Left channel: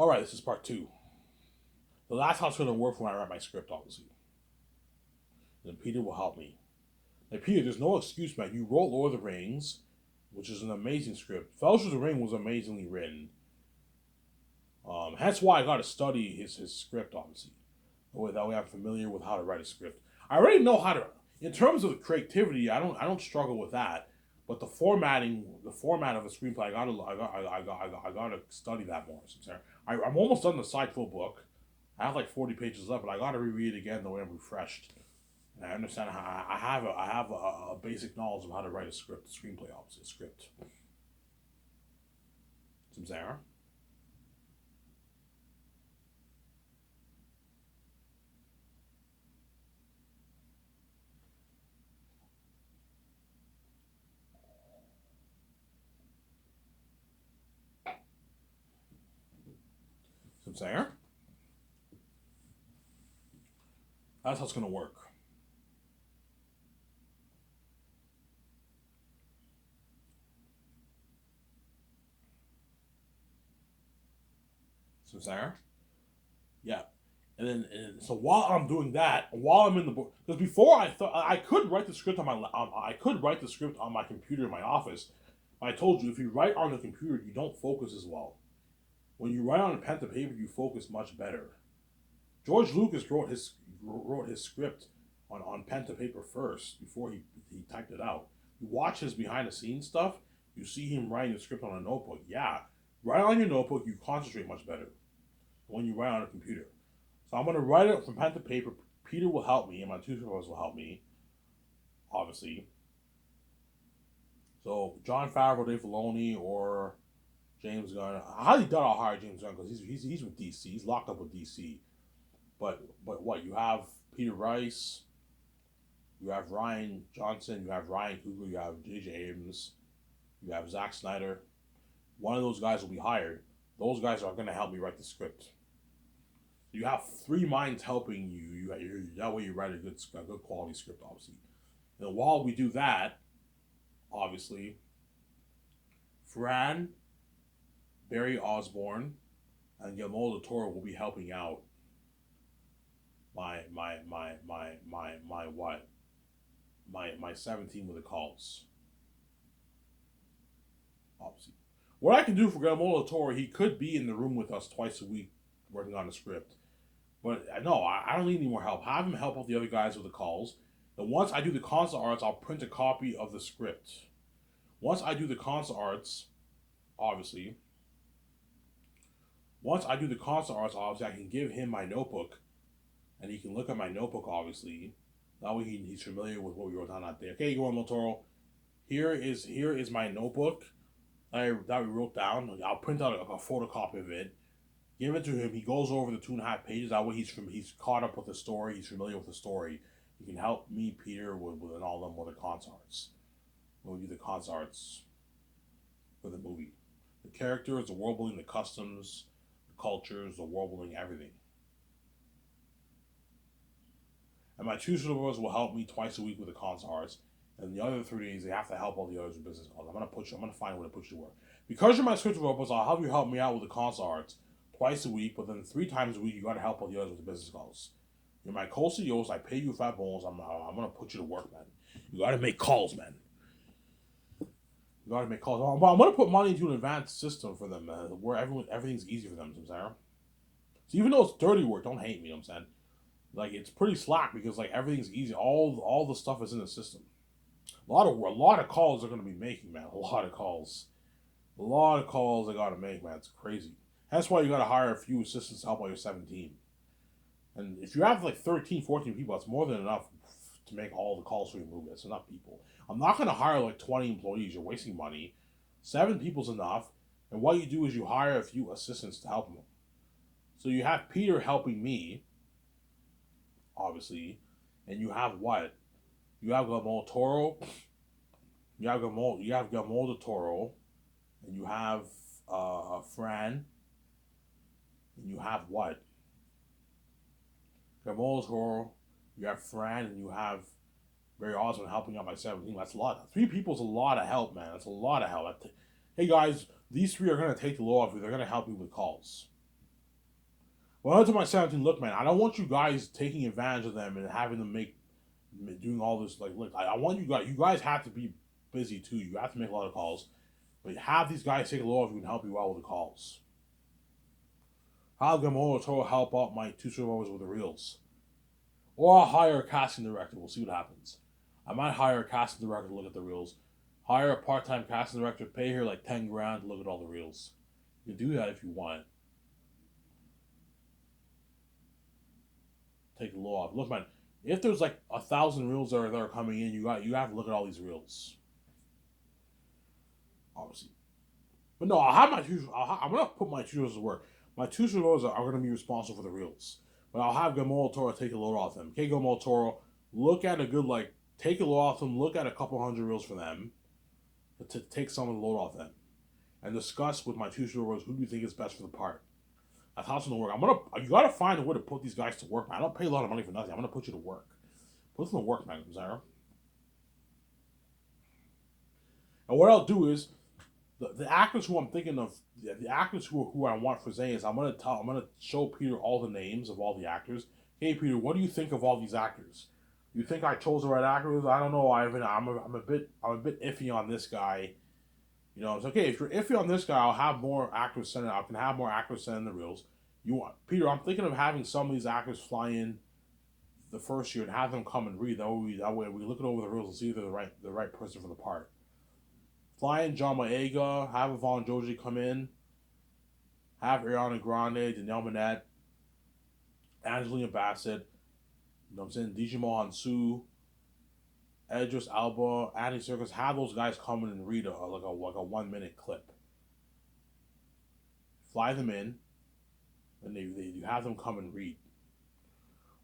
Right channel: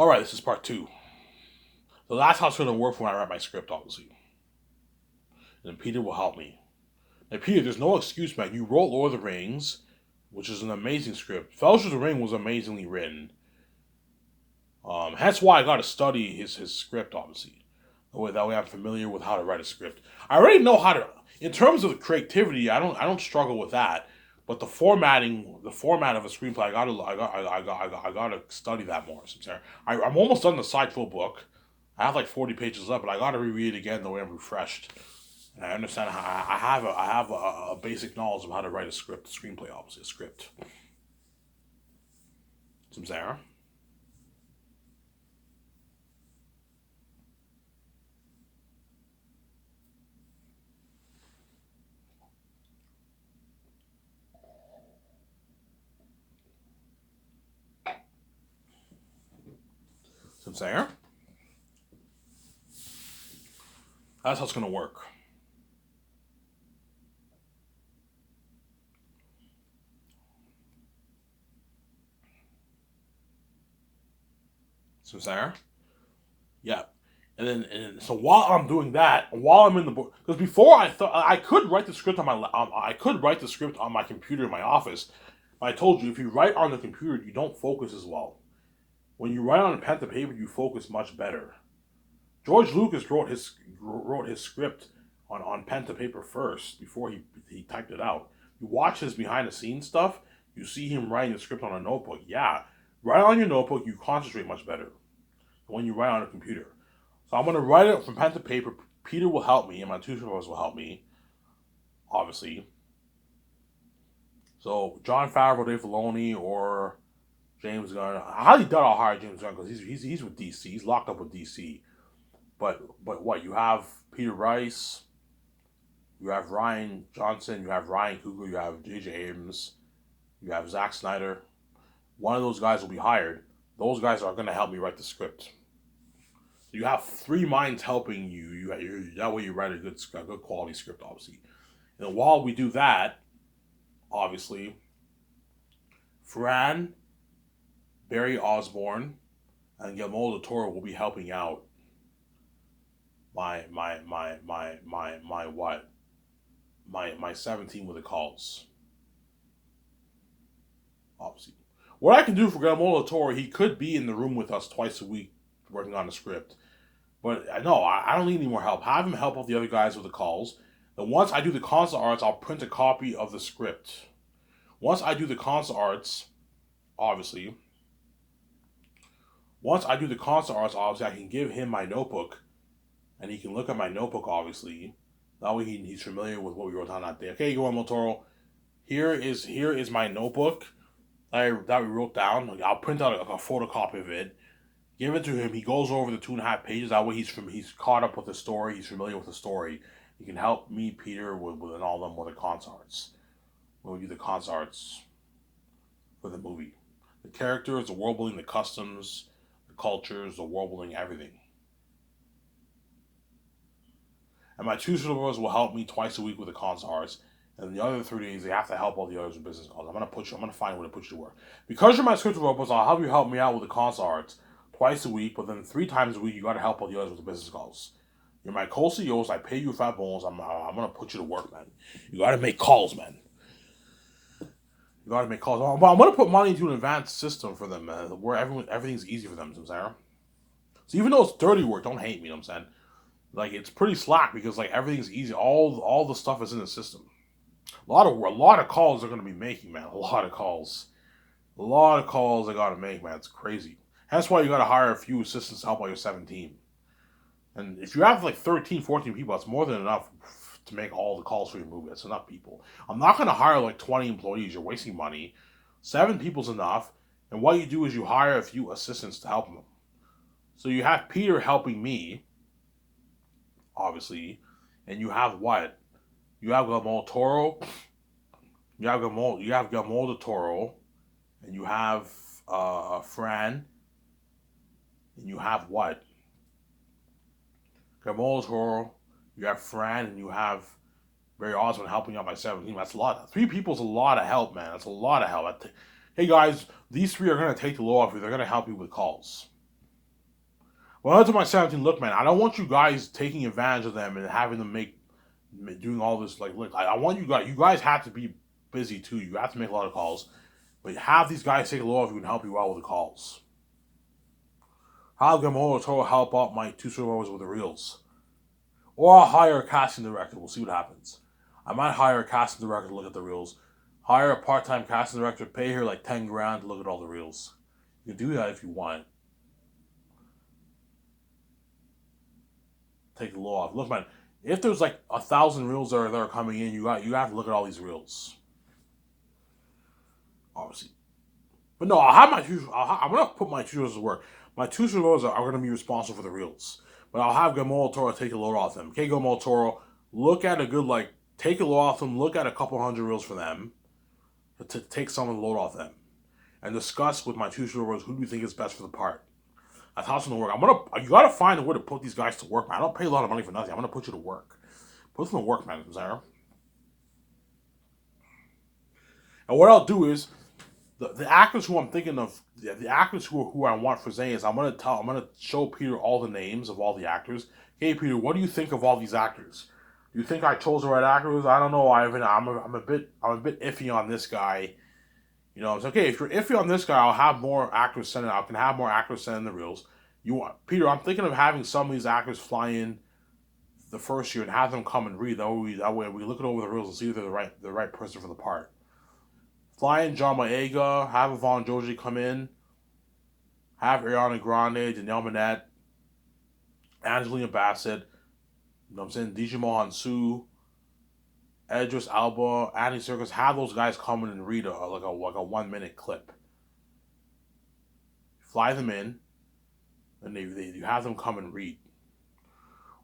All right, this is part two. So that's how it's going to work when I write my script, obviously. And Peter will help me. Now, Peter, there's no excuse, man. You wrote Lord of the Rings, which is an amazing script. Fellowship of the Ring was amazingly written. That's why I got to study his script, obviously. That way I'm familiar with how to write a script. I already know how to. In terms of creativity, I don't struggle with that. But the format of a screenplay, I gotta study that more. I'm almost done the side full book. I have like 40 pages left, but I gotta reread it again the way I'm refreshed. And I understand how I have a basic knowledge of how to write a script, a screenplay, obviously a script. Some Sarah. Some Sarah. That's how it's gonna work. Some Sarah. Yeah. And so while I'm doing that, while I'm in the book, because before I thought I could write the script I could write the script on my computer in my office. I told you if you write on the computer, you don't focus as well. When you write on a pen to paper, you focus much better. George Lucas wrote his script on pen to paper first before he typed it out. You watch his behind the scenes stuff, you see him writing the script on a notebook. Yeah, write on your notebook, you concentrate much better than when you write on a computer. So I'm gonna write it from pen to paper. Peter will help me, and my two supervisors will help me, obviously. So John Favreau, Dave Filoni, or James Gunn. I highly doubt I'll hire James Gunn because he's with DC. He's locked up with DC. But what you have Peter Rice, you have Ryan Johnson, you have Ryan Coogler, you have J.J. Abrams, you have Zack Snyder. One of those guys will be hired. Those guys are going to help me write the script. You have three minds helping you. That way you write a good quality script, obviously. And while we do that, obviously, Fran, Barry Osborne, and Guillermo del Toro will be helping out my what my 17 with the calls, obviously. What I can do for Guillermo del Toro, he could be in the room with us twice a week working on the script. But no, I don't need any more help. Have him help out the other guys with the calls. And once I do the console arts, I'll print a copy of the script. Once I do the console arts, obviously, once I do the console arts, obviously, I can give him my notebook, and he can look at my notebook, obviously. That way he's familiar with what we wrote down that day. Okay, Guillermo Toro, here is my notebook that we wrote down. I'll print out a photocopy of it, give it to him. He goes over the 2.5 pages. That way he's caught up with the story. He's familiar with the story. He can help me, Peter, with all them with the concerts. When we do the concerts for the movie, the characters, the world building, the customs, the cultures, the world building, everything. And my two supervisors will help me twice a week with the concerts. And the other 3 days, they have to help all the others with business calls. I'm gonna find a way to put you to work. Because you're my script developers, I'll have you help me out with the concerts twice a week, but then 3 times a week, you gotta help all the others with the business calls. You're my co-CEOs. I pay you fat bonus. I'm gonna put you to work, man. You gotta make calls, man. You gotta make calls. But I'm gonna put money into an advanced system for them, man, where everything's easy for them. You know what I'm saying? So even though it's dirty work, don't hate me. You know what I'm saying? Like it's pretty slack because like everything's easy. All the stuff is in the system. A lot of calls they're gonna be making, man. A lot of calls. A lot of calls they gotta make, man. It's crazy. That's why you gotta hire a few assistants to help out your 17. And if you have like 13, 14 people, that's more than enough to make all the calls for your movie. That's enough people. I'm not gonna hire like 20 employees. You're wasting money. 7 people's enough. And what you do is you hire a few assistants to help them. So you have Peter helping me, obviously, and you have what? You have Guillermo Toro. You have Guillermo del Toro, and you have Fran, and you have what? Guillermo del Toro. You have Fran, and you have Barry Osmond helping out by 17. That's a lot. 3 people's a lot of help, man. That's a lot of help. Hey guys, these 3 are gonna take the load off you. They're gonna help you with calls. Well, to my 17, look, man, I don't want you guys taking advantage of them and having them doing all this. Like, look, I want you guys have to be busy too. You have to make a lot of calls, but have these guys take a look if we can help you out with the calls. Have Gamora Toro help out my two survivors with the reels. Or I'll hire a casting director. We'll see what happens. I might hire a casting director to look at the reels. Hire a part-time casting director, pay her like 10 grand to look at all the reels. You can do that if you want. Take the law off. Look, man, if there's like 1,000 reels that are coming in, you have to look at all these reels. Obviously. But no, I'll have I'm gonna put my tutors to work. My two tutors are gonna be responsible for the reels. But I'll have Gamora Toro take a load off them. Okay, Gamora Toro, look at a good take a load off them, look at a couple hundred reels for them. To take some of the load off them. And discuss with my two tutors who do you think is best for the part. That's how it's gonna work. You gotta find a way to put these guys to work, man. I don't pay a lot of money for nothing. I'm gonna put you to work. Put them to work, man, Zara. And what I'll do is the actors who I'm thinking of, the actors who I want for Zane is I'm gonna show Peter all the names of all the actors. Hey Peter, what do you think of all these actors? Do you think I chose the right actors? I don't know, Ivan. I'm a bit iffy on this guy. You know, it's okay. If you're iffy on this guy, I'll have more actors send it. I can have more actors send in the reels. Peter? I'm thinking of having some of these actors fly in the first year and have them come and read. That way we look it over the reels and see if they're the right person for the part. Fly in John Boyega, have Yvonne Joji come in, have Ariana Grande, Danielle Minette, Angelina Bassett, you know what I'm saying, Digimon Hansu, Idris Elba, Andy Serkis, have those guys come in and read a 1 minute clip. Fly them in, and you have them come and read.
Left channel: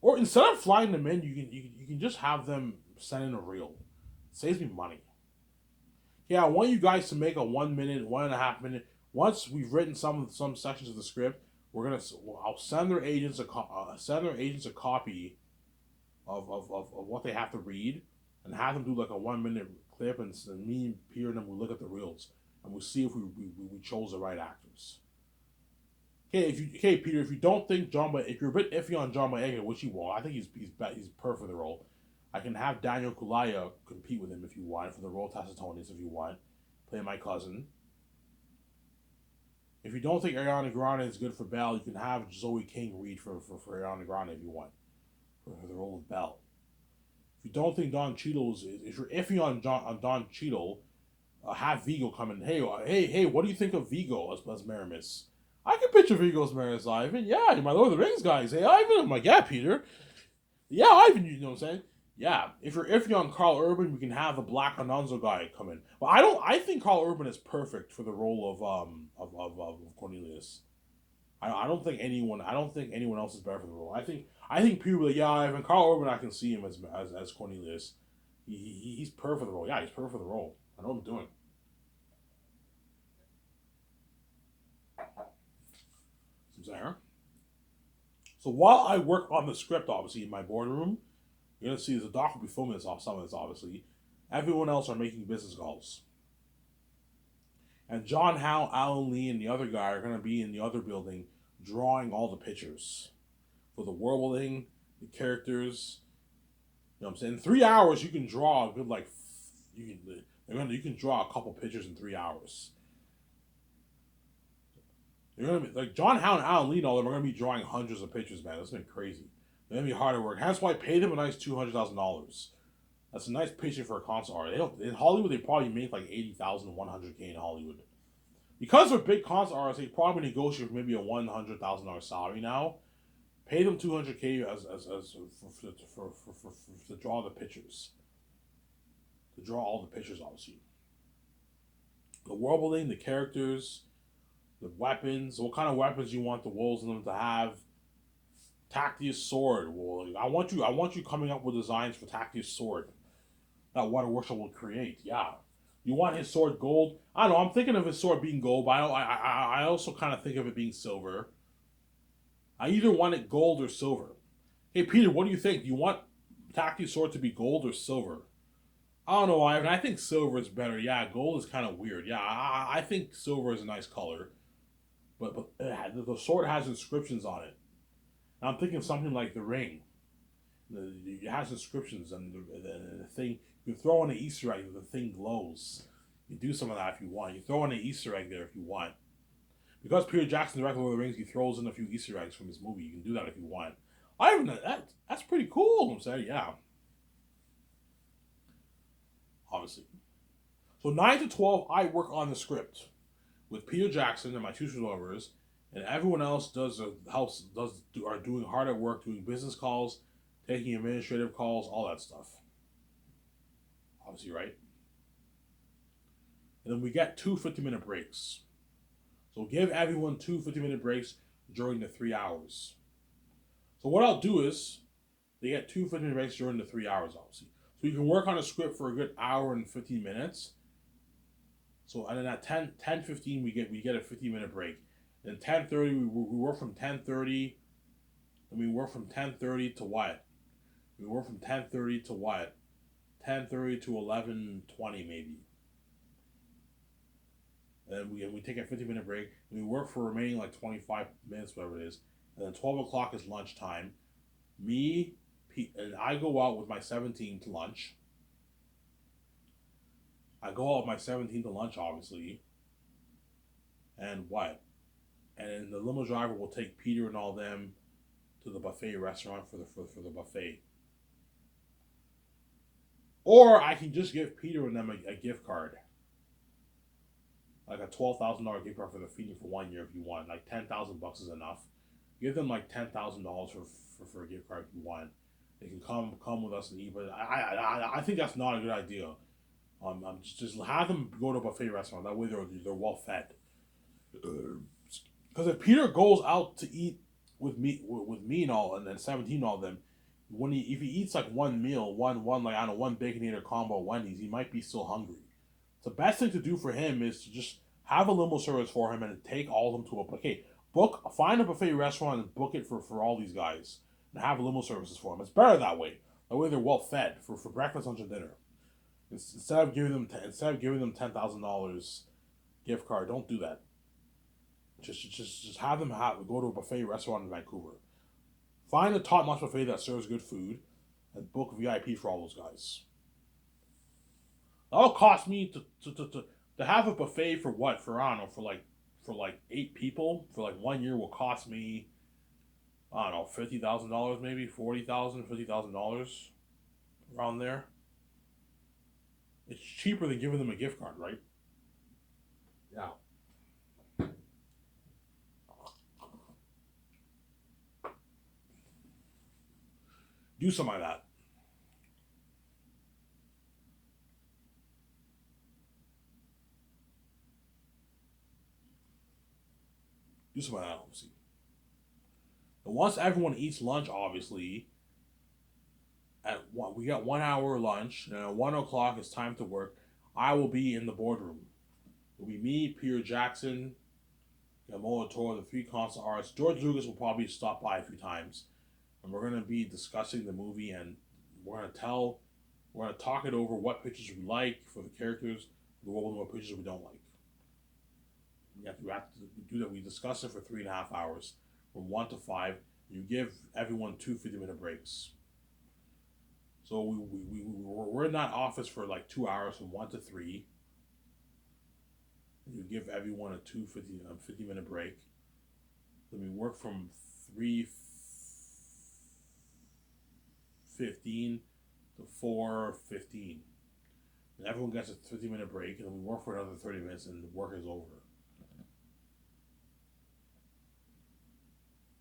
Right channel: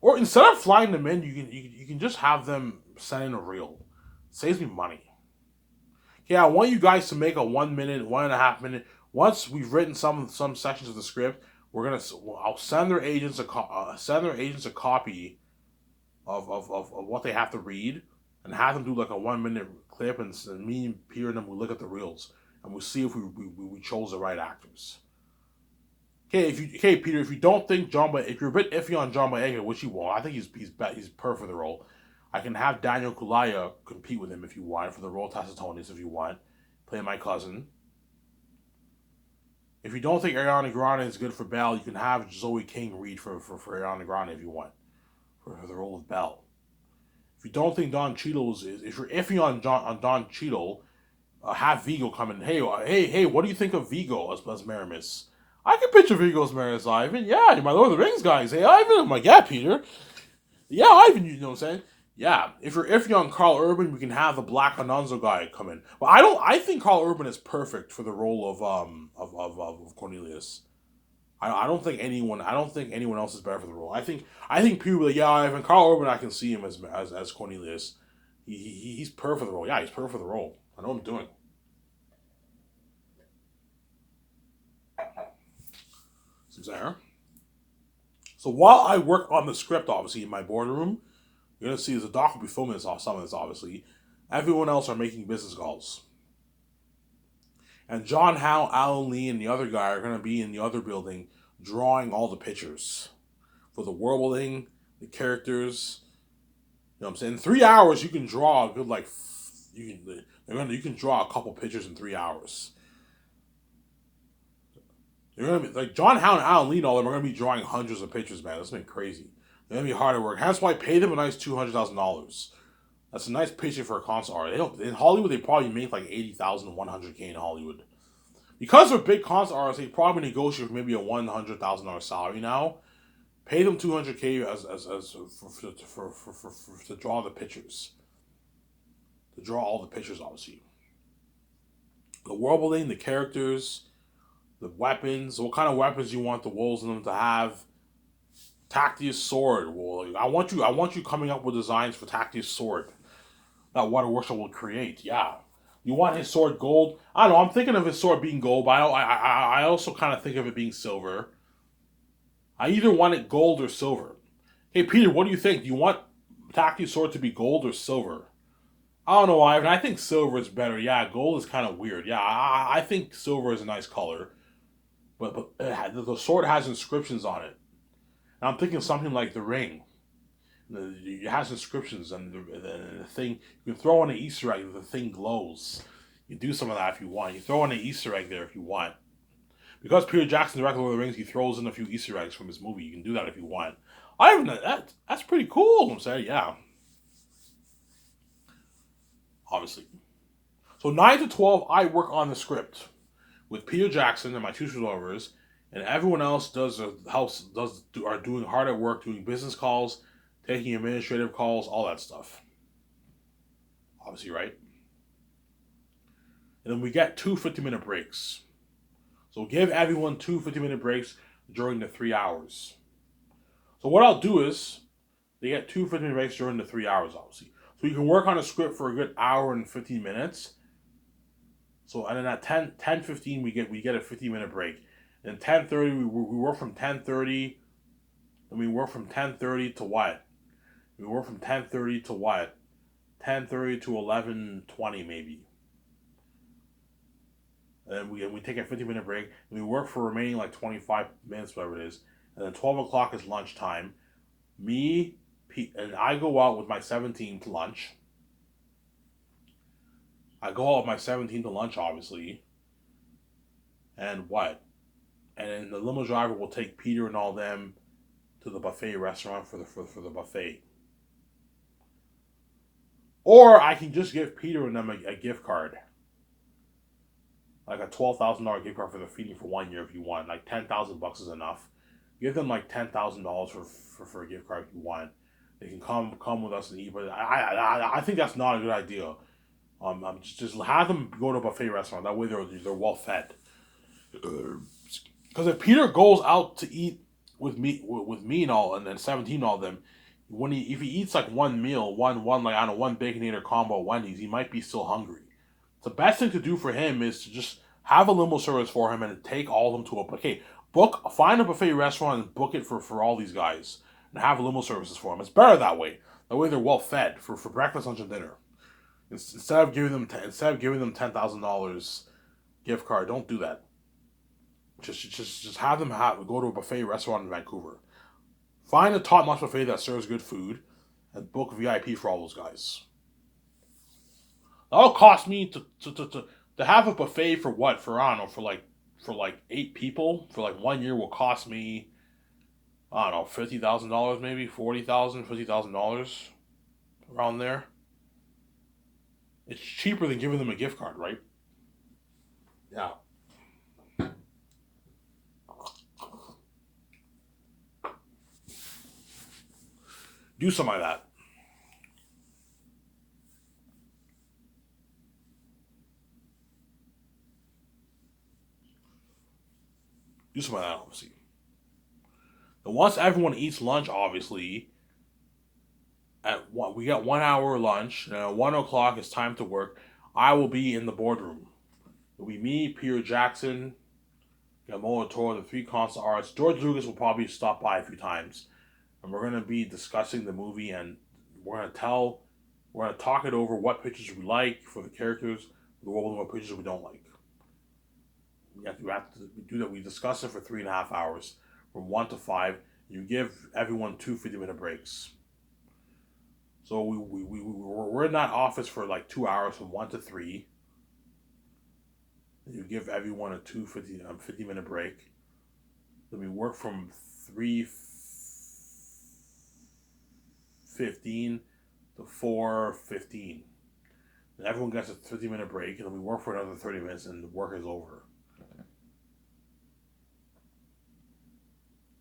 Or instead of flying them in, you can just have them send in a reel. It saves me money. Yeah, I want you guys to make a 1 minute, 1.5 minute. Once we've written some sections of the script, I'll send their agents a copy of what they have to read, and have them do like a 1 minute clip, and me and Peter and them will look at the reels and we'll see if we chose the right actors. Okay, Peter, if you don't think if you're a bit iffy on John Boyega, which you won't, I think he's perfect for the role. I can have Daniel Kaluuya compete with him if you want for the role Tacitonis if you want, play my cousin. If you don't think Ariana Grande is good for Belle, you can have Zoe King read for Ariana Grande if you want for the role of Belle. If you don't think Don Cheadle if you're iffy on Don Cheadle, have Vigo come in. Hey, what do you think of Vigo as Maramis? I can picture Vigo as Maramis, Ivan. Yeah, my Lord of the Rings guys. Hey, Ivan. I'm like, yeah, Peter. Yeah, Ivan. You know what I'm saying? Yeah. If you're iffy on Karl Urban, we can have the Black Anonzo guy come in. But I think Karl Urban is perfect for the role of Cornelius. I don't think anyone else is better for the role. I think people are like, yeah, Ivan, Karl Urban, I can see him as Cornelius. He's perfect for the role. Yeah, he's perfect for the role. I know what I'm doing. Seems there. So while I work on the script, obviously in my boardroom, you're gonna see the doc will be filming some of this. Obviously, everyone else are making business calls. And John Howe, Alan Lee, and the other guy are going to be in the other building drawing all the pictures for the worlding, the characters. You know what I'm saying? In 3 hours, you can draw a good you can draw a couple pictures in 3 hours. You're gonna be like John Howe and Alan Lee and all them are gonna be drawing hundreds of pictures, man. That's been crazy. They're gonna be hard at work. That's why I pay them a nice $200,000. That's a nice paycheck for a concert artist. They don't, in Hollywood, they probably make like 80,000 to 100K in Hollywood. Because they're big concert artists, they probably negotiate for maybe a $100,000 salary now. Pay them $200K to draw the pictures. To draw all the pictures, obviously. The world building, the characters, the weapons, what kind of weapons you want the wolves in them to have. Tactius sword. Well, I want you coming up with designs for Tactius sword that Water Workshop will create. Yeah. You want his sword gold? I don't know. I'm thinking of his sword being gold, but I also kind of think of it being silver. I either want it gold or silver. Hey, Peter, what do you think? Do you want Tactius sword to be gold or silver? I don't know, Ivan. I think silver is better. Yeah, gold is kind of weird. Yeah, I think silver is a nice color. But the sword has inscriptions on it. And I'm thinking something like The Ring. It has inscriptions, and the thing, you can throw on an Easter egg, the thing glows. You do some of that if you want. You throw in an Easter egg there if you want. Because Peter Jackson directed Lord of the Rings, he throws in a few Easter eggs from his movie. You can do that if you want. I even that's pretty cool. I'm saying, yeah, obviously. So 9 to 12, I work on the script with Peter Jackson and my two showrunners, and everyone else are doing hard at work, doing business calls, taking administrative calls, all that stuff. Obviously, right? And then we get two 50-minute breaks. So give everyone two 50-minute breaks during the 3 hours. So what I'll do is they get two 50-minute breaks during the 3 hours, obviously. So you can work on a script for a good hour and 15 minutes. So and then at 10:15 we get a 50-minute break. And 10:30 we work from 10:30, and we work from 10:30 to what? We work from 10:30 to what? 10:30 to 11:20 maybe. And then we take a 50-minute break, and we work for remaining like 25 minutes, whatever it is. And then 12 o'clock is lunchtime. Me, and I go out with my 17 to lunch. I go out with my 17 to lunch, obviously. And what? And then the limo driver will take Peter and all them to the buffet restaurant for the buffet. Or I can just give Peter and them a gift card. Like a $12,000 gift card for the feeding for 1 year if you want. Like $10,000 is enough. Give them like $10,000 for a gift card if you want. They can come with us and eat. But I think that's not a good idea. Just have them go to a buffet restaurant. That way they're well fed. Because if Peter goes out to eat with me and all, and then 17 and all of them, if he eats like one meal, one like I don't know, one Baconator combo at Wendy's, he might be still hungry. The best thing to do for him is to just have a limo service for him and take all of them to find a buffet restaurant and book it for all these guys and have limo services for them. It's better that way. That way they're well fed for breakfast, lunch, and dinner. Instead of giving them $10,000 gift card, don't do that. Just have them go to a buffet restaurant in Vancouver. Find a top-notch buffet that serves good food, and book VIP for all those guys. That'll cost me to have a buffet for what? For I don't know, for like 8 people for like 1 year will cost me, I don't know, $50,000 maybe, $40,000, $50,000 around there. It's cheaper than giving them a gift card, right? Yeah. Do something like that. Do something like that, obviously. And once everyone eats lunch, obviously, we got 1 hour lunch, and at 1 o'clock it's time to work. I will be in the boardroom. It'll be me, Peter Jackson, Guillermo Toro, the three constant artists. George Lucas will probably stop by a few times, and we're gonna be discussing the movie, and we're gonna talk it over. What pictures we like for the characters, the world, and what pictures we don't like. We have to do that. We discuss it for 3.5 hours, from 1 to 5. You give everyone two 50-minute breaks. So we're in that office for like 2 hours, from 1 to 3. You give everyone a 50-minute break. Then we work from 3:15 to 4:15. Then everyone gets a 50-minute break, and then we work for another 30 minutes, and the work is over.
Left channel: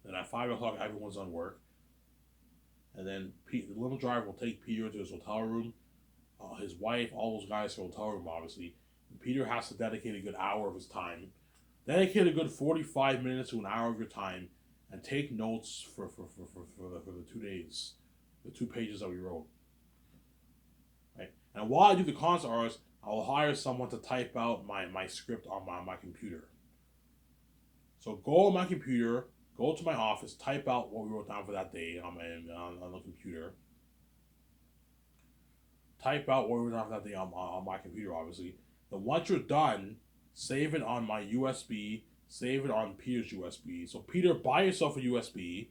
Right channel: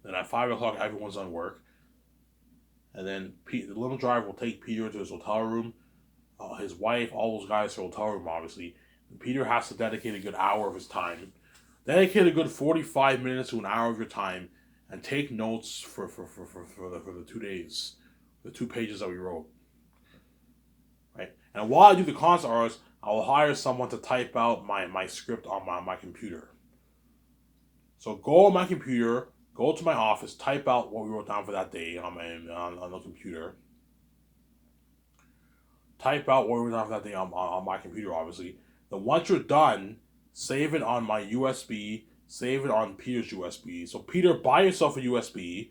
Then at 5 o'clock, everyone's on work. And then the little driver will take Peter to his hotel room. His wife, all those guys to the hotel room, obviously. And Peter has to dedicate a good hour of his time. Dedicate a good 45 minutes to an hour of your time, and take notes for the 2 days, the 2 pages that we wrote. Right? And while I do the constant hours, I will hire someone to type out my script on my computer. So go on my computer, go to my office, type out what we wrote down for that day on the computer. Type out what we wrote down for that day on my computer, obviously. Then once you're done, save it on my USB, save it on Peter's USB. So Peter, buy yourself a USB,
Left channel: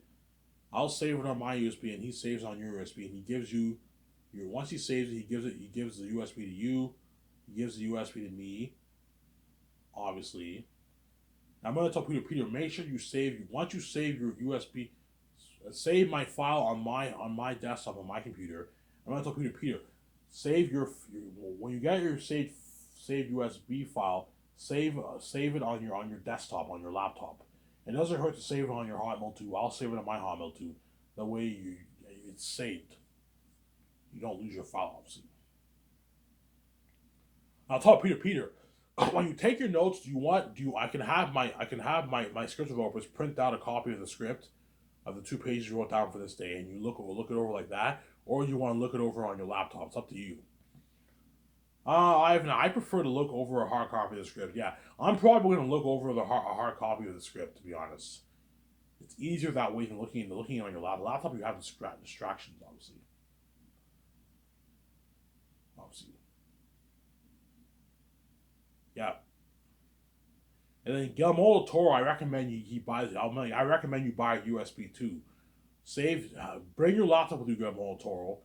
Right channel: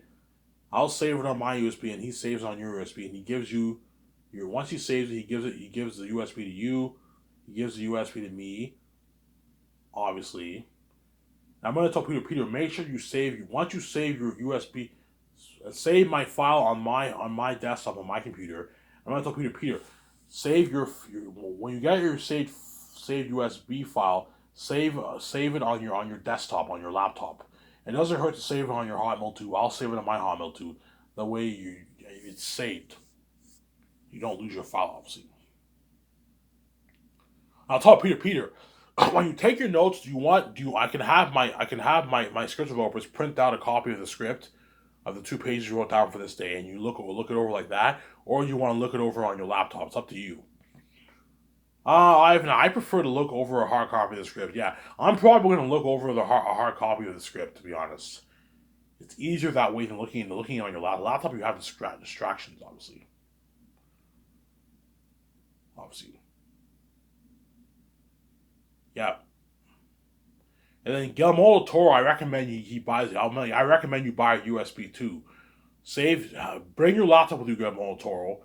I'll save it on my USB, and he saves it on your USB, and he gives you your. Once he saves it, he gives the USB to you. He gives the USB to me, obviously. Now I'm gonna tell Peter, make sure you save. Once you save your USB, save my file on my desktop on my computer. I'm gonna tell Peter, save your when you get your saved USB file, save it on your desktop on your laptop. It doesn't hurt to save it on your Hotmail too. I'll save it on my Hotmail too. That way it's saved. You don't lose your file, obviously. I'll tell Peter, when you take your notes, I can have my script developers print out a copy of the script of the 2 pages you wrote down for this day, and you look it over like that, or you want to look it over on your laptop. It's up to you. I prefer to look over a hard copy of the script. Yeah, I'm probably going to look over a hard copy of the script, to be honest. It's easier that way than looking on your laptop. You have distractions, obviously. Yeah. And then Guillermo del Toro, I recommend he buys it. I recommend you buy a USB too. Bring your laptop with you, Guillermo del Toro.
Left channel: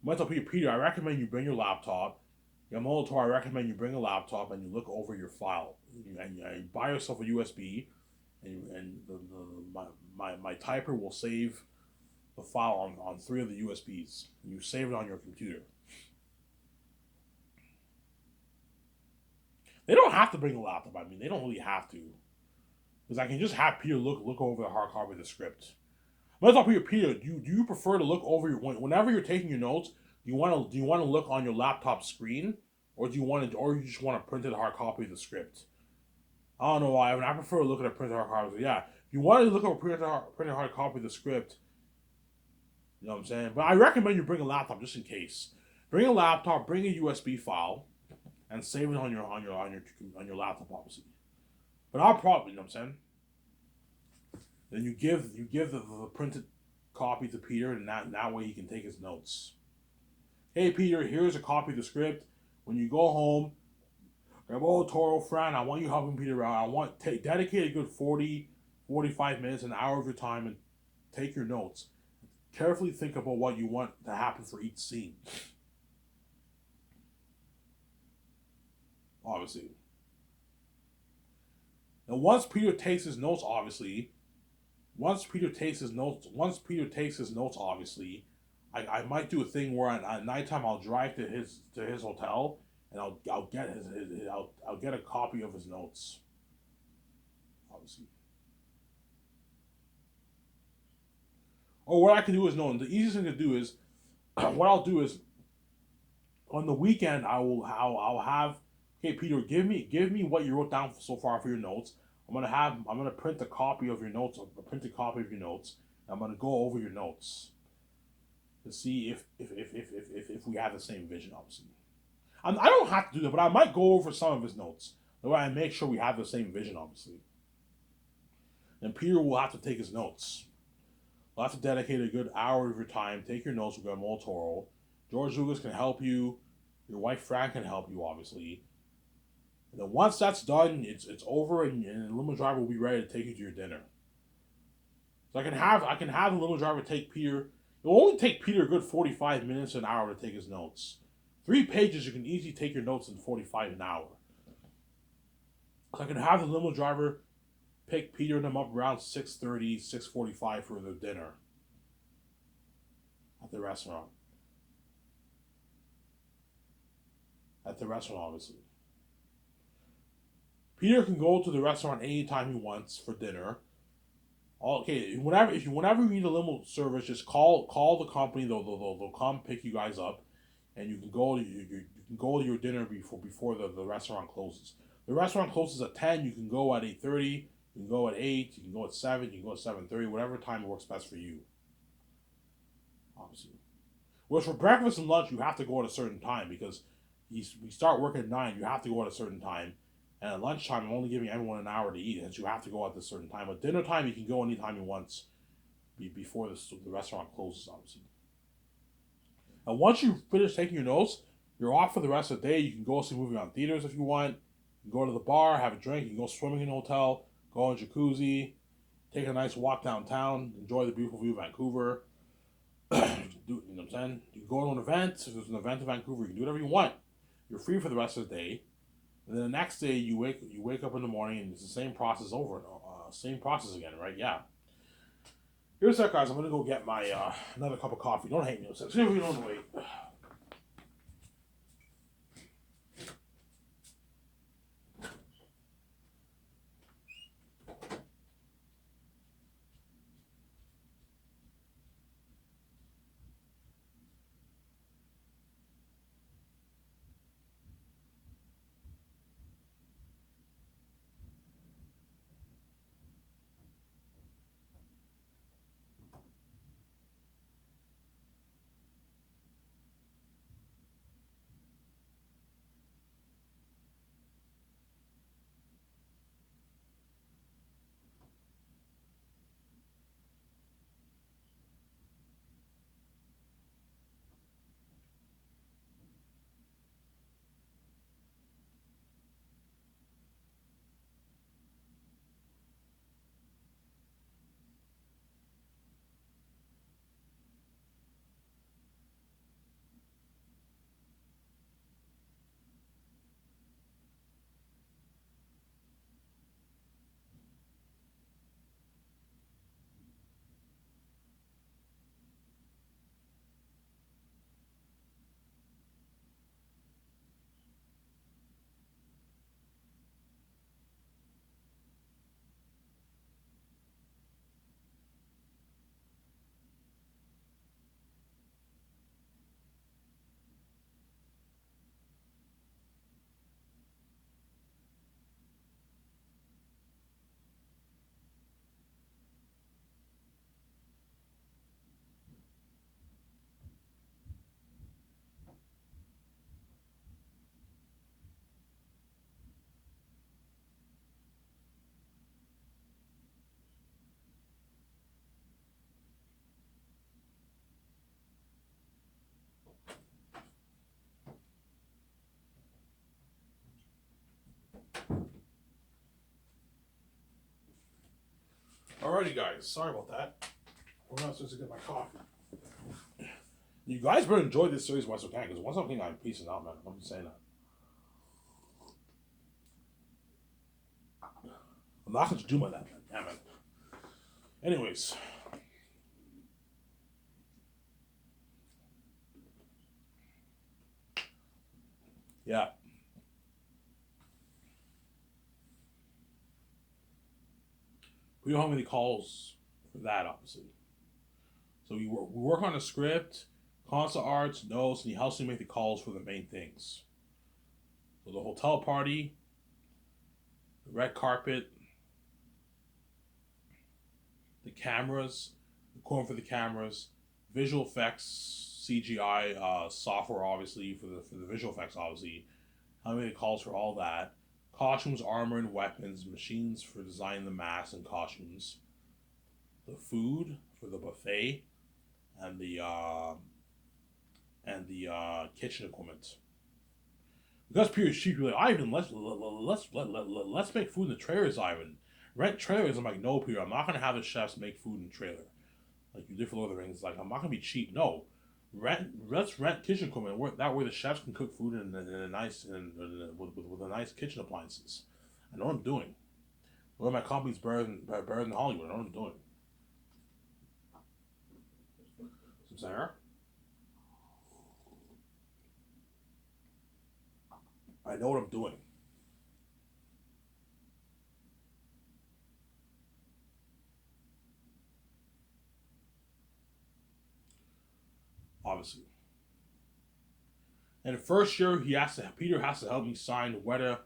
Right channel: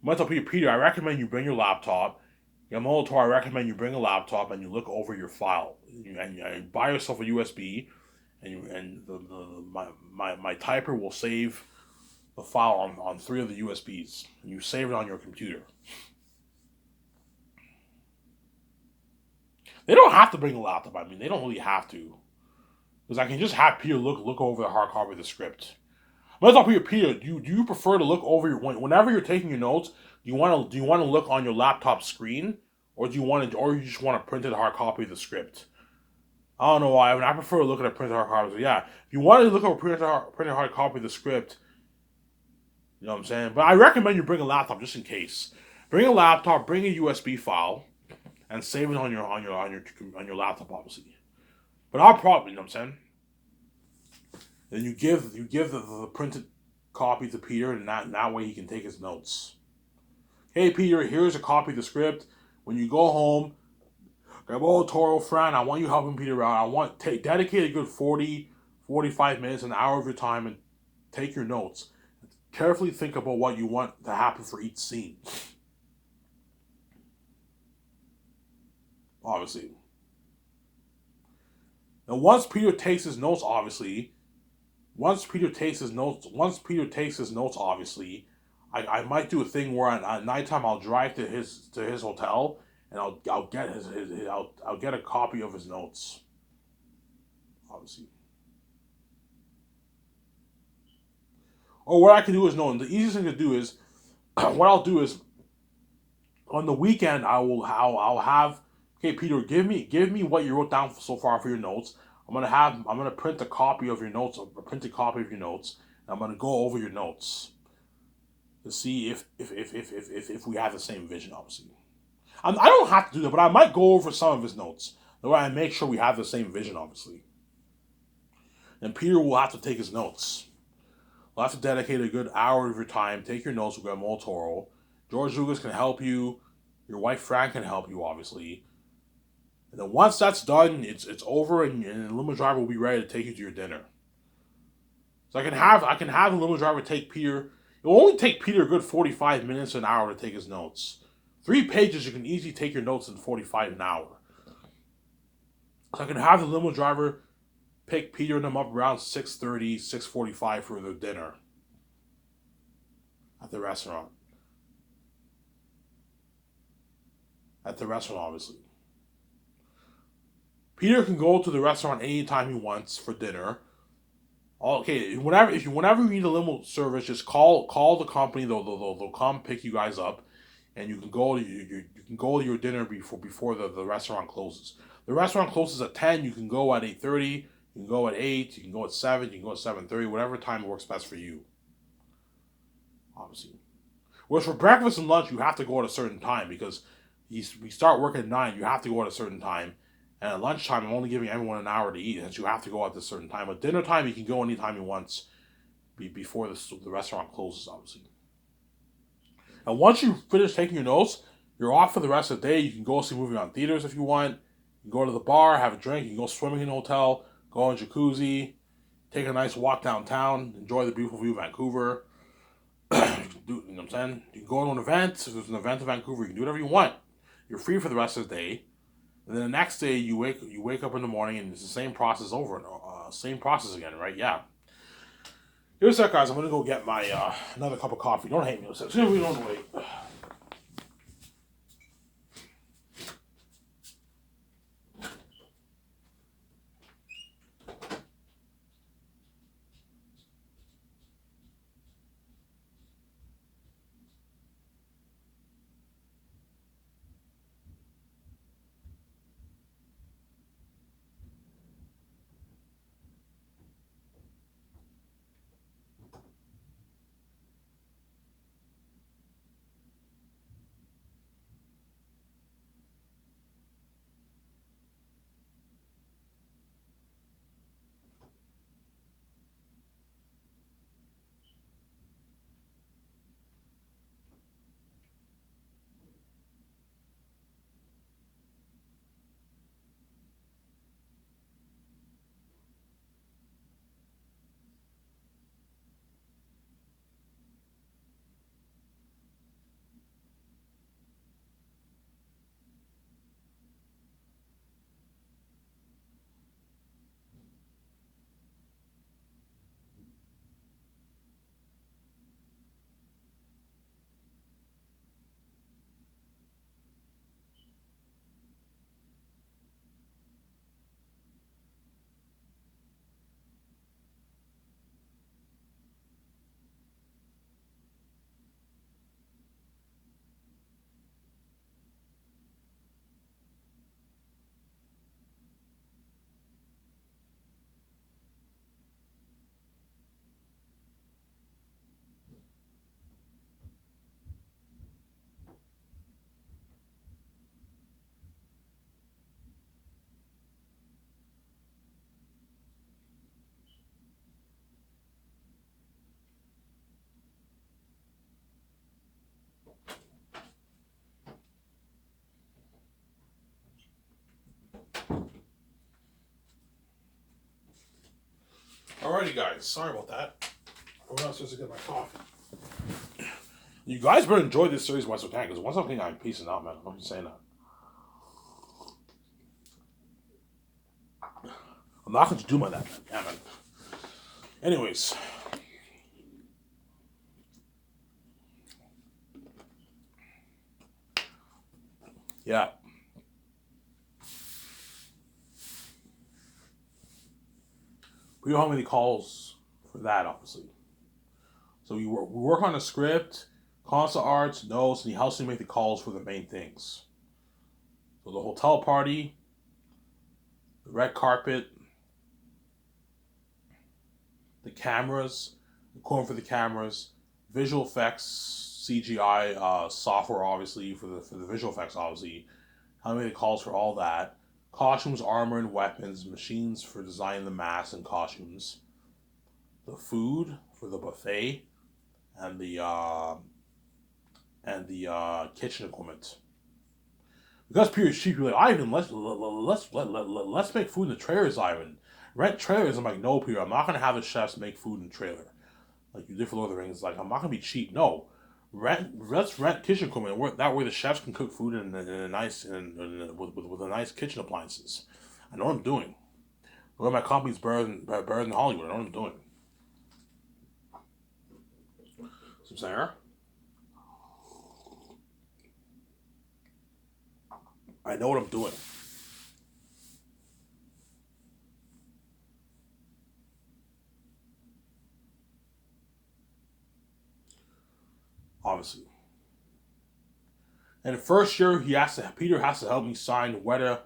I'm gonna tell Peter, I recommend you bring your laptop. Guillermo del Toro, I recommend you bring a laptop and you look over your file. And you buy yourself a USB, and my typer will save the file on 3 of the USBs. And you save it on your computer. They don't have to bring a laptop. I mean, they don't really have to, because I can just have Peter look over the hard copy of the script. I'm gonna talk Peter. Do you prefer to look over whenever you're taking your notes? Do you want to look on your laptop screen, or you just want a printed hard copy of the script? I don't know why. I prefer to look at a printed hard copy. So yeah, if you want to look at a printed hard copy of the script, you know what I'm saying. But I recommend you bring a laptop just in case. Bring a laptop. Bring a USB file, and save it on your laptop, obviously. But I'll probably, you know what I'm saying. Then you give the printed copy to Peter, and that way he can take his notes. Hey Peter, here's a copy of the script. When you go home, Guillermo del Toro, friend, I want you helping Peter out. Dedicate a good 40, 45 minutes, an hour of your time, and take your notes. Carefully think about what you want to happen for each scene. Obviously. Now, once Peter takes his notes, obviously, I might do a thing where at nighttime I'll drive to his hotel, and I'll get a copy of his notes. Obviously. Or what I can do is the easiest thing to do is what I'll do is on the weekend I'll have, okay, Peter, give me what you wrote down so far for your notes. I'm gonna print a copy of your notes, a printed copy of your notes, and I'm gonna go over your notes to see if we have the same vision. Obviously, I don't have to do that, but I might go over some of his notes. That way, I make sure we have the same vision. Obviously, and Peter will have to take his notes. We'll have to dedicate a good hour of your time. Take your notes with Guillermo del Toro. George Lucas can help you. Your wife Fran can help you, obviously. And then once that's done, it's over, and the limo driver will be ready to take you to your dinner. So I can have the limo driver take Peter. It will only take Peter a good 45 minutes to an hour to take his notes. 3 pages, you can easily take your notes in 45 an hour. So I can have the limo driver pick Peter and them up around 6:30, 6:45 for their dinner at the restaurant. Obviously. Peter can go to the restaurant anytime he wants for dinner. Okay, whenever you need a limo service, just call the company. They'll come pick you guys up, and you can go to your dinner before the restaurant closes. The restaurant closes at 10. You can go at 8:30. You can go at 8. You can go at 7. You can go at 7:30. Whatever time works best for you. Obviously. Whereas for breakfast and lunch, you have to go at a certain time because we start work at 9. You have to go at a certain time. And at lunchtime, I'm only giving everyone an hour to eat, since you have to go at a certain time. At dinner time, you can go anytime you want, before the restaurant closes, obviously. And once you finish taking your notes, you're off for the rest of the day. You can go see a movie on theaters if you want. You can go to the bar, have a drink. You can go swimming in a hotel, go in a jacuzzi. take a nice walk downtown, enjoy the beautiful view of Vancouver. You know what I'm saying? You can go to an event. If there's an event in Vancouver, you can do whatever you want. You're free for the rest of the day. And then the next day, you wake up in the morning, and it's the same process over, same process again, right? Yeah. Here's that, guys. I'm gonna go get my another cup of coffee. Don't hate me. See if we don't wait. Alrighty, guys. Sorry about that. I'm not supposed to get my coffee. You guys better enjoy this series once we can, because once I'm I'm peacing out, man. I'm just saying that. I'm not going to do my that, man. Yeah, man. Anyways. Yeah. We don't have any calls for that, obviously. So we work on a script, concept arts, notes, and he helps me make the calls for the main things. So the hotel party, the red carpet, the cameras, the equipment for the cameras, visual effects, CGI software, obviously for the visual effects, obviously. How many calls for all that? Costumes, armor, and weapons, machines for designing the masks and costumes, the food for the buffet, and the kitchen equipment. Because Peter's cheap, you're like, Ivan, let's make food in the trailers, Ivan. Rent trailers. I'm like, no, Peter, I'm not gonna have the chefs make food in the trailer. Like you did for Lord of the Rings. Like, I'm not gonna be cheap. No, let's rent kitchen equipment. That way the chefs can cook food in a nice with a nice kitchen appliances. I know what I'm doing. Look, my company's better than Hollywood. I know what I'm doing. So I'm saying, I know what I'm doing. Obviously. And the first year, Peter has to help me sign Weta.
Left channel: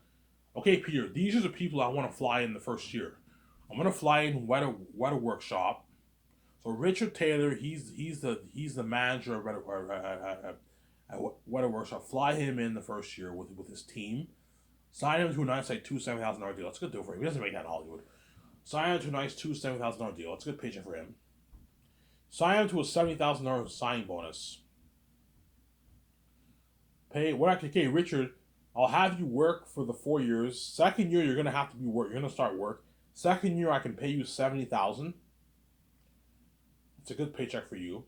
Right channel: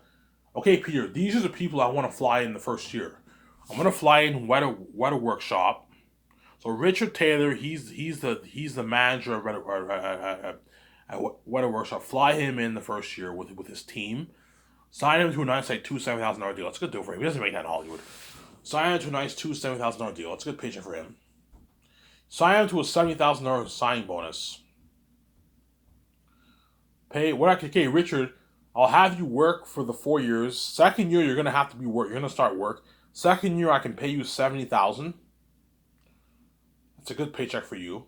Okay, Peter, these are the people I want to fly in the first year. I'm gonna fly in Weta Workshop. So Richard Taylor, he's the manager of Weta Workshop. Fly him in the first year with his team. Sign him to a nice like $7,000 deal. That's a good deal for him. He doesn't make that in Hollywood. Sign him to a nice $7,000 deal. That's a good paycheck for him. Sign him to a $70,000 signing bonus. Pay what I can. Okay, Richard, I'll have you work for the 4 years. Second year, you're gonna have to be work. You're gonna start work. Second year, I can pay you 70,000. It's a good paycheck for you.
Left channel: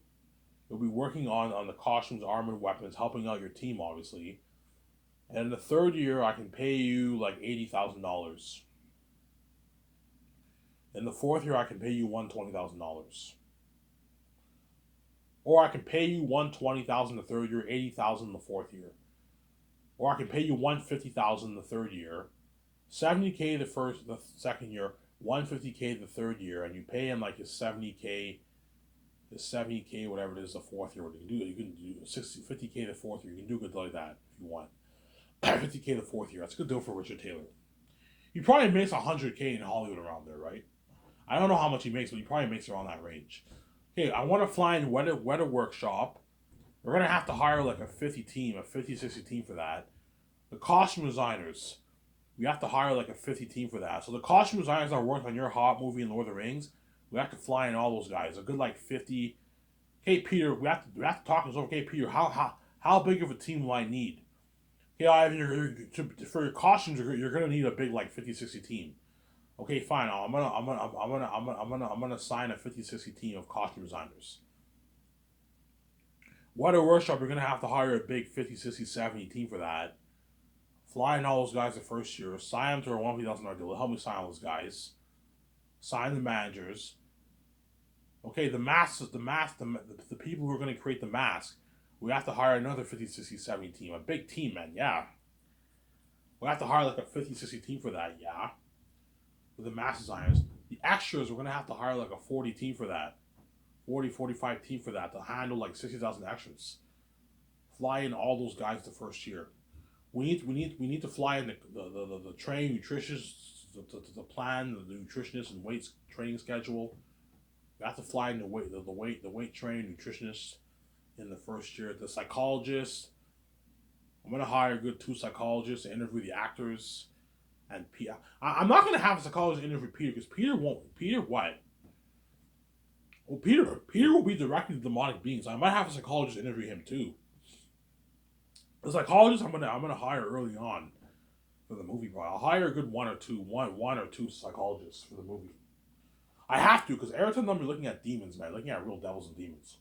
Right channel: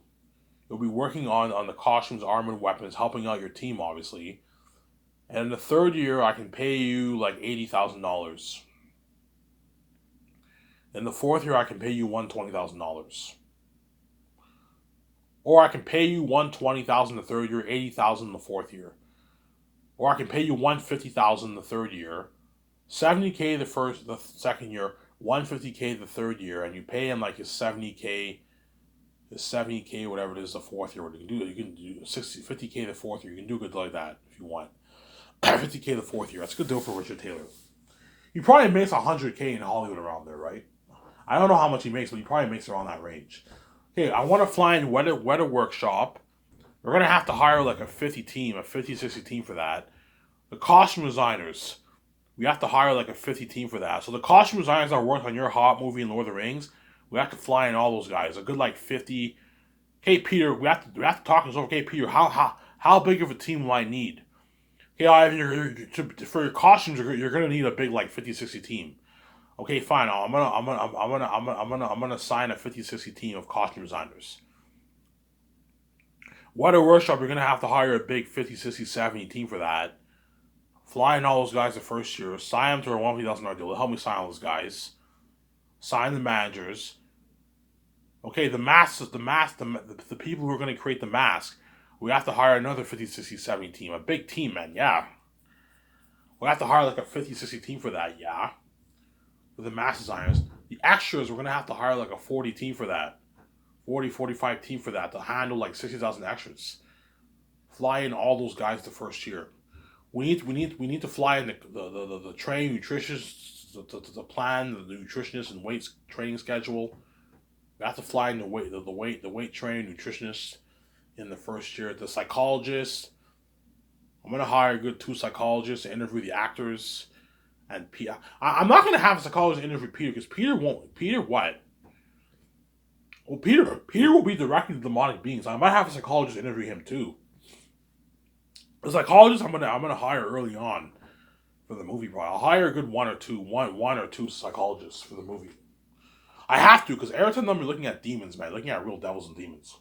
You'll be working on the costumes, armor, and weapons, helping out your team, obviously. And the third year, I can pay you like $80,000. In the fourth year, I can pay you $120,000. Or I can pay you $120,000 the third year, $80,000 the fourth year. Or I can pay you $150,000 the third year, $70K the second year, $150K the third year, and you pay him like his $70K, whatever it is, the fourth year. What you can do, you can do 50K the fourth year. You can do good like that if you want. 50K the fourth year. That's a good deal for Richard Taylor. He probably makes 100K in Hollywood around there, right? I don't know how much he makes, but he probably makes around that range. Okay, I want to fly in weather workshop. We're going to have to hire like a 50, 60 team for that. The costume designers, we have to hire like a 50 team for that. So the costume designers that work on your Hobbit movie and Lord of the Rings, we have to fly in all those guys. A good like 50. Hey Peter, we have to talk this over. Okay Peter, how big of a team will I need? Okay, Ivan, for your costumes, you're gonna need a big like 50, 60 team. Okay, fine. I'm gonna sign a 50, 60 team of costume designers. Weather workshop, you're gonna have to hire a big 50, 60, 70 team for that. Fly in all those guys the first year. Sign them to a $150,000 deal. Help me sign all those guys. Sign the managers. Okay, the people who are going to create the mask, we have to hire another 50, 60, 70 team. A big team, man, yeah. We have to hire like a 50, 60 team for that, yeah. With the mask designers. The extras, we're going to have to hire like a 40 team for that. 40, 45 team for that to handle like 60,000 extras. Fly in all those guys the first year. We need to fly in the train nutritionists, the plan, the nutritionist and weights training schedule. We have to fly in the weight training nutritionist in the first year. The psychologist. I'm gonna hire a good 2 psychologists to interview the actors. And I'm not gonna have a psychologist interview Peter because Peter won't. Peter what? Well, Peter will be directing the demonic beings. I might have a psychologist interview him too. The psychologist I'm gonna hire early on for the movie. Probably I'll hire a good one or two psychologists for the movie. I have to because every time I'm looking at demons, man, looking at real devils and demons.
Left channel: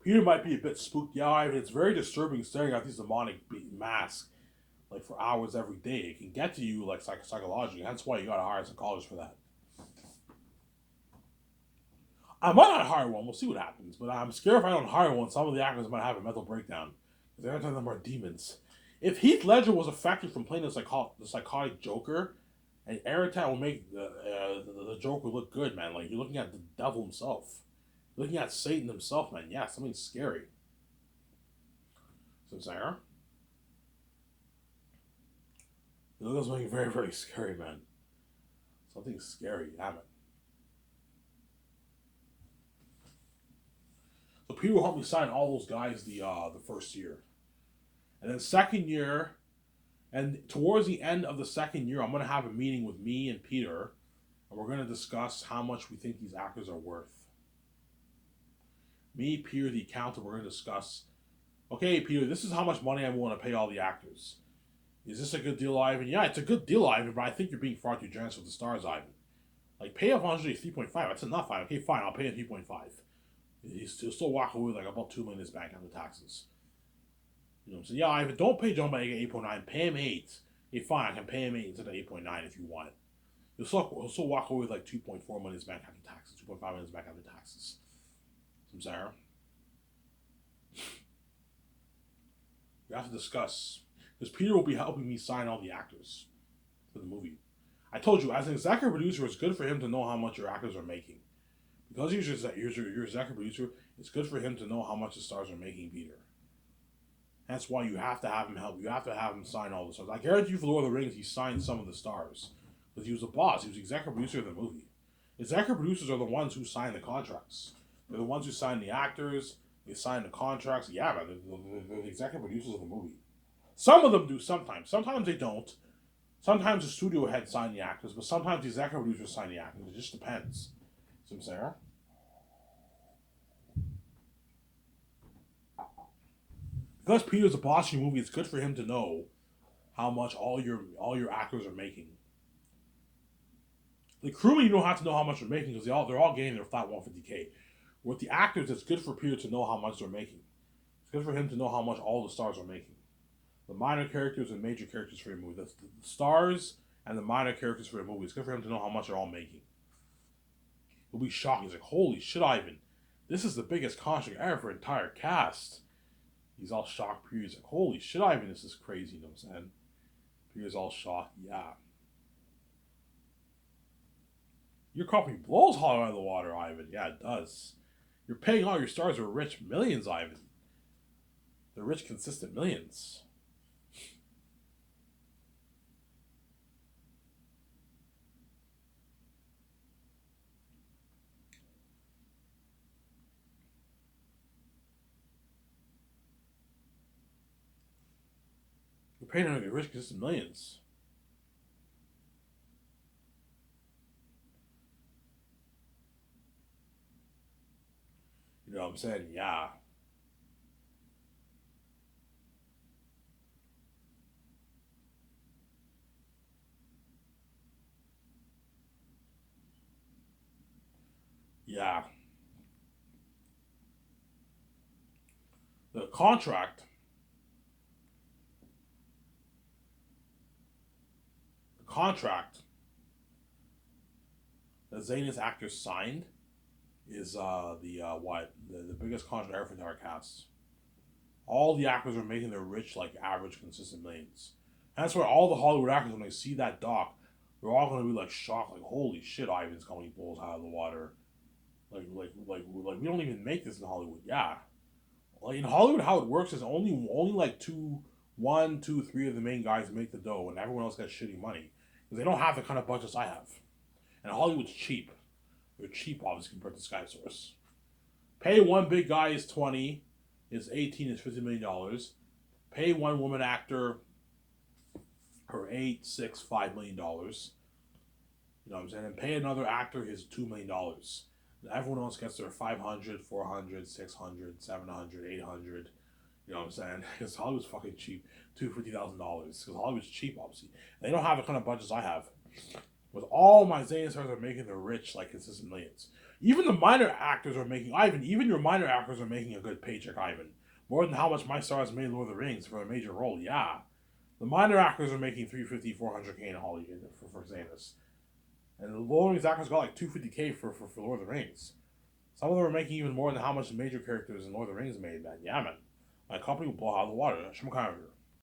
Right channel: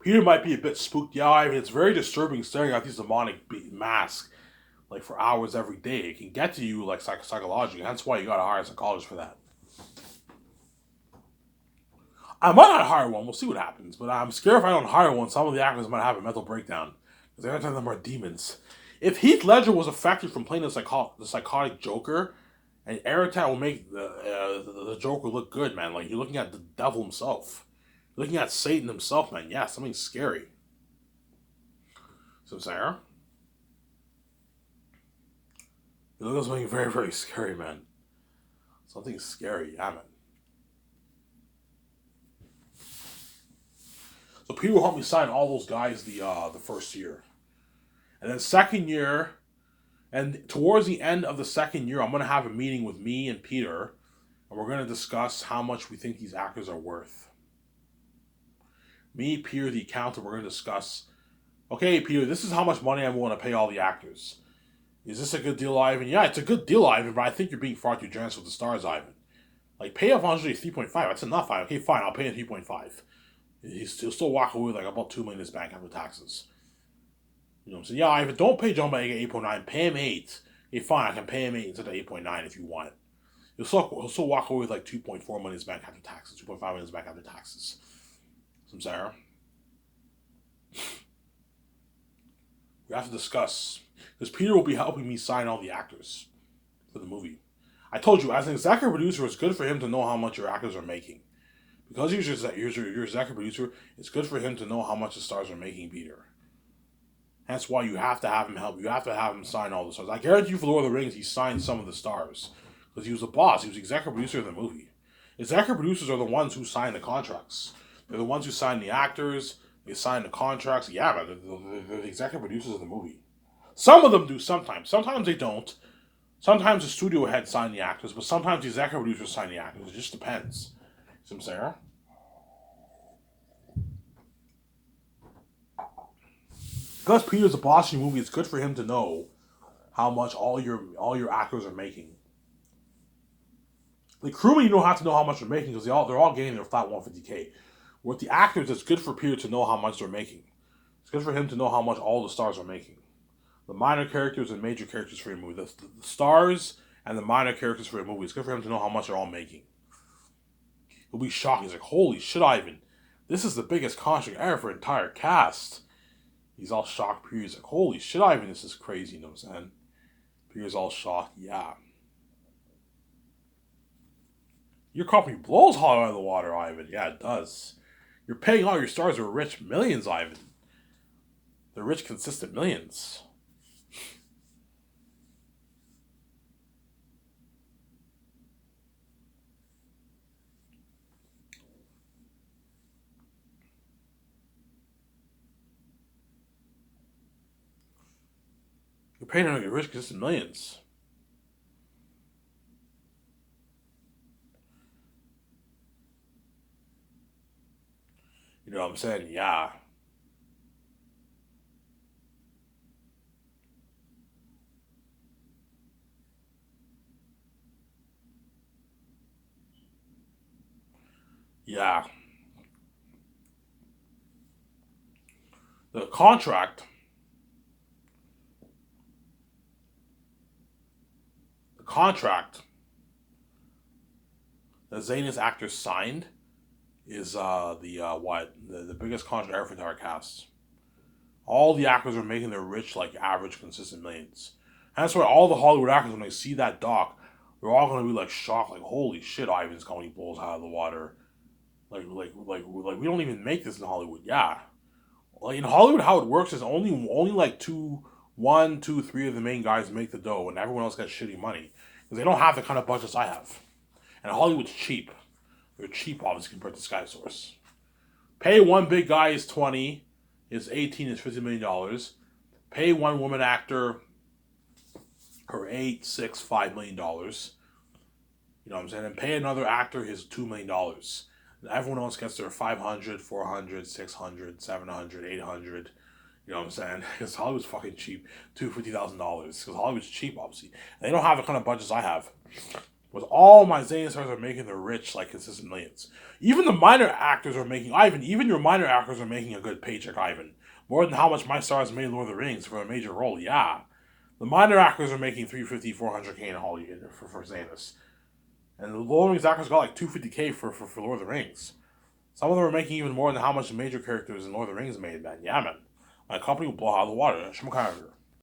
Peter might be a bit spooked. Yeah, I mean, it's very disturbing staring at these demonic masks like for hours every day. It can get to you like psychologically. That's why you gotta hire a psychologist for that. I might not hire one. We'll see what happens. But I'm scared if I don't hire one, some of the actors might have a mental breakdown because every time them are demons. If Heath Ledger was affected from playing the psychotic Joker, and Eritrea will make the Joker look good, man. Like you're looking at the devil himself, you're looking at Satan himself, man. Yeah, something scary. So Sarah, it looks something very very scary, man. Something scary, yeah, man. So Peter will help me sign all those guys the first year, and then second year, and towards the end of the second year, I'm gonna have a meeting with me and Peter, and we're gonna discuss how much we think these actors are worth. Me, Peter, the accountant, we're gonna discuss. Okay, Peter, this is how much money I'm willing to pay all the actors. Is this a good deal, Ivan? Yeah, it's a good deal, Ivan, but I think you're being far too generous with the stars, Ivan. Like, pay up 3.5. That's enough, Ivan. Okay, fine, I'll pay him 3.5. He'll still walk away with like about $2 million in his bank after taxes. You know what I'm saying? Yeah, Ivan, don't pay John Boyega 8.9. Pay him 8. Okay, fine, I can pay him 8 instead of 8.9 if you want. He'll still walk away with like 2.4 million in his bank after taxes, 2.5 million in his bank after taxes. Some Sarah. We have to discuss because Peter will be helping me sign all the actors for the movie. I told you, as an executive producer, it's good for him to know how much your actors are making. Because he's your executive producer, it's good for him to know how much the stars are making, Peter. That's why you have to have him help. You have to have him sign all the stars. I guarantee you for Lord of the Rings, he signed some of the stars. Because he was the boss. He was the executive producer of the movie. Executive producers are the ones who sign the contracts. They're the ones who sign the actors. They sign the contracts. Yeah, but they're the executive producers of the movie. Some of them do sometimes. Sometimes they don't. Sometimes the studio head sign the actors, but sometimes the executive producers sign the actors. It just depends. See what I'm saying? Because Peter's a boss in the movie, it's good for him to know how much all your actors are making. The crewmen, you don't have to know how much they're making because they're all getting their flat 150K. With the actors, it's good for Peter to know how much they're making. It's good for him to know how much all the stars are making. The minor characters and major characters for a movie. The stars and the minor characters for a movie. It's good for him to know how much they're all making. He'll be shocked. He's like, holy shit, Ivan. This is the biggest contract ever for an entire cast. He's all shocked. Peter's like, holy shit, Ivan, this is crazy. You know what I'm saying? Peter's all shocked. Yeah. Your company blows Hollywood out of the water, Ivan. Yeah, it does. You're paying all your stars who are rich millions, Ivan. They're rich, consistent millions. You're paying them your rich, consistent millions. You know what I'm saying? Yeah. Yeah. The contract, the contract that Zayn's actors signed is the biggest contract ever for our casts. All the actors are making their rich, like average, consistent millions. And that's why all the Hollywood actors, when they see that doc, they're all gonna be like shocked, like holy shit, Ivan's company blows out of the water. Like we don't even make this in Hollywood. Yeah, like in Hollywood, how it works is only like one, two, three of the main guys make the dough, and everyone else gets shitty money because they don't have the kind of budgets I have. And Hollywood's cheap. They're cheap, obviously, compared to Sky Source. Pay one big guy is 20, is 18, is $50 million. Pay one woman actor her 8, 6, $5 million. You know what I'm saying? And pay another actor his $2 million. And everyone else gets their 500, 400, 600, 700, 800. You know what I'm saying? Because Hollywood's fucking cheap. $250,000. Because Hollywood's cheap, obviously. They don't have the kind of budgets I have. With all my Zayn stars are making the rich, like consistent millions. Even the minor actors are making, Ivan, even your minor actors are making a good paycheck, Ivan. More than how much my stars made in Lord of the Rings for a major role, yeah. The minor actors are making 350, 400K in Hollywood for Zanus. And the Lord of the Rings actors got like 250K for Lord of the Rings. Some of them are making even more than how much the major characters in Lord of the Rings made, man. Yeah, man. My company will blow out of the water. Shmukarger.